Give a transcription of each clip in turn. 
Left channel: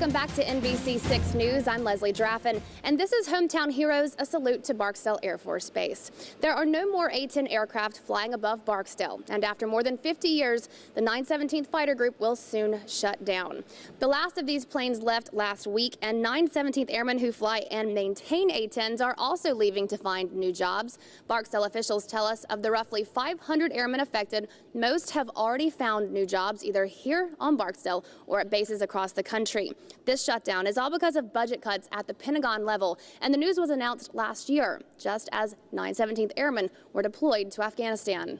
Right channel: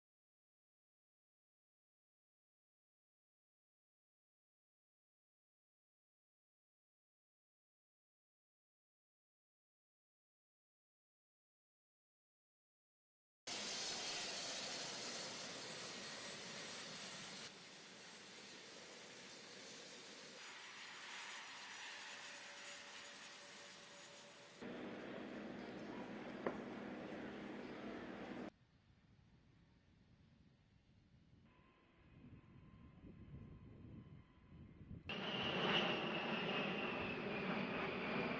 Welcome back to NBC6 News. I'm Leslie Draffin, and this is Hometown Heroes, a salute to Barksdale Air Force Base. There are no more A-10 aircraft flying above Barksdale, and after more than 50 years, the 917th Fighter Group will soon shut down. The last of these planes left last week, and 917th Airmen who fly and maintain A-10s are also leaving to find new jobs. Barksdale officials tell us of the roughly 500 airmen affected, most have already found new jobs either here on Barksdale or at bases across the country. This shutdown is all because of budget cuts at the Pentagon level, and the news was announced last year, just as 917th Airmen were deployed to Afghanistan.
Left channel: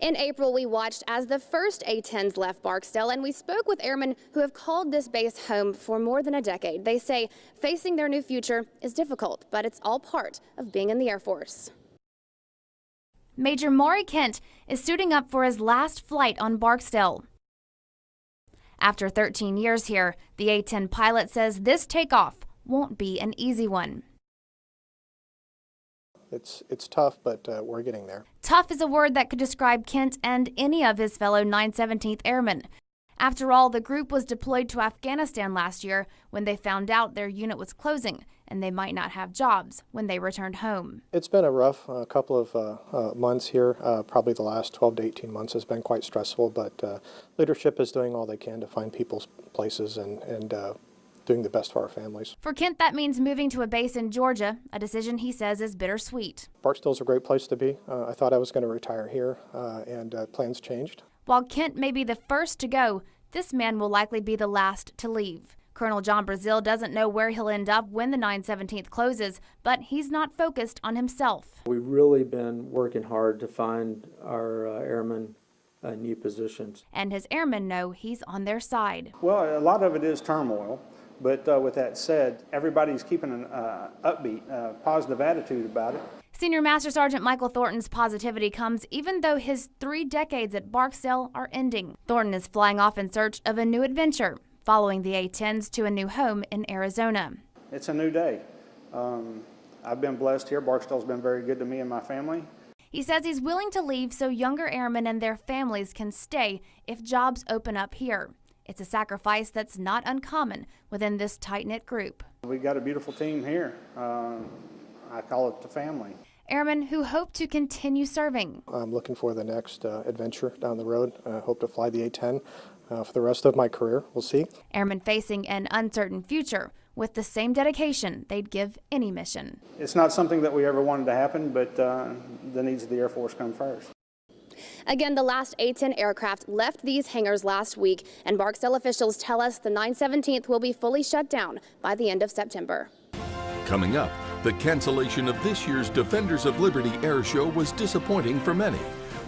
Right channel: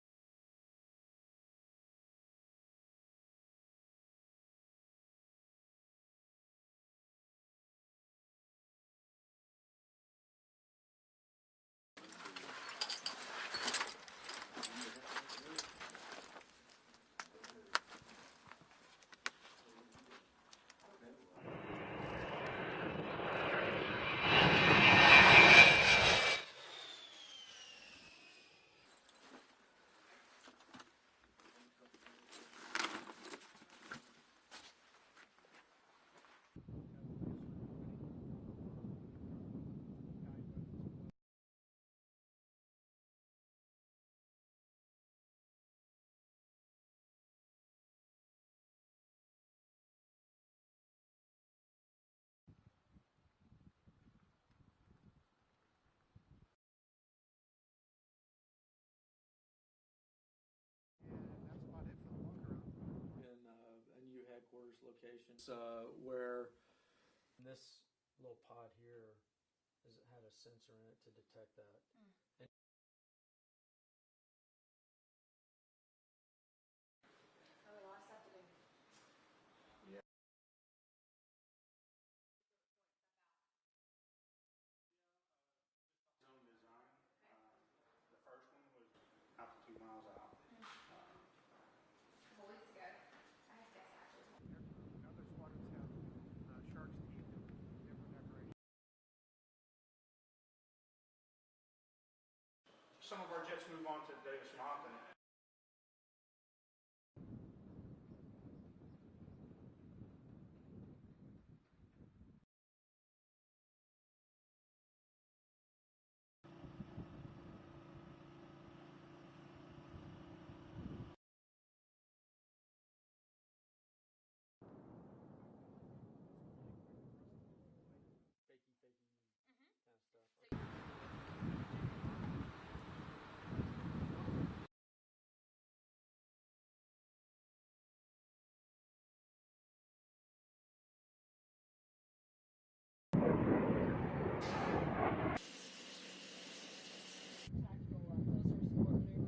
In April, we watched as the first A-10s left Barksdale, and we spoke with airmen who have called this base home for more than a decade. They say facing their new future is difficult, but it's all part of being in the Air Force. Major Maury Kent is suiting up for his last flight on Barksdale. After 13 years here, the A-10 pilot says this takeoff won't be an easy one. It's tough, but we're getting there. Tough is a word that could describe Kent and any of his fellow 917th Airmen. After all, the group was deployed to Afghanistan last year when they found out their unit was closing and they might not have jobs when they returned home. It's been a rough couple of months here. Probably the last 12 to 18 months has been quite stressful, but leadership is doing all they can to find people's places and doing the best for our families. For Kent, that means moving to a base in Georgia, a decision he says is bittersweet. Barksdale's a great place to be. I thought I was going to retire here, and plans changed. While Kent may be the first to go, this man will likely be the last to leave. Colonel John Brazil doesn't know where he'll end up when the 917th closes, but he's not focused on himself. We've really been working hard to find our airmen new positions. And his airmen know he's on their side. Well, a lot of it is turmoil, but with that said, everybody's keeping an upbeat, positive attitude about it. Senior Master Sergeant Michael Thornton's positivity comes even though his 3 decades at Barksdale are ending. Thornton is flying off in search of a new adventure, following the A-10s to a new home in Arizona. It's a new day. I've been blessed here. Barksdale's been very good to me and my family. He says he's willing to leave so younger airmen and their families can stay if jobs open up here. It's a sacrifice that's not uncommon within this tight-knit group. We've got a beautiful team here. I call it the family. Airmen who hope to continue serving. I'm looking for the next adventure down the road. I hope to fly the A-10 for the rest of my career. We'll see. Airmen facing an uncertain future with the same dedication they'd give any mission. It's not something that we ever wanted to happen, but the needs of the Air Force come first. Again, the last A-10 aircraft left these hangars last week, and Barksdale officials tell us the 917th will be fully shut down by the end of September. Coming up, the cancellation of this year's Defenders of Liberty Air Show was disappointing for many.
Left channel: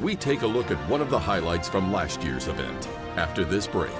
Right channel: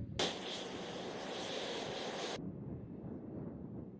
We take a look at one of the highlights from last year's event after this break.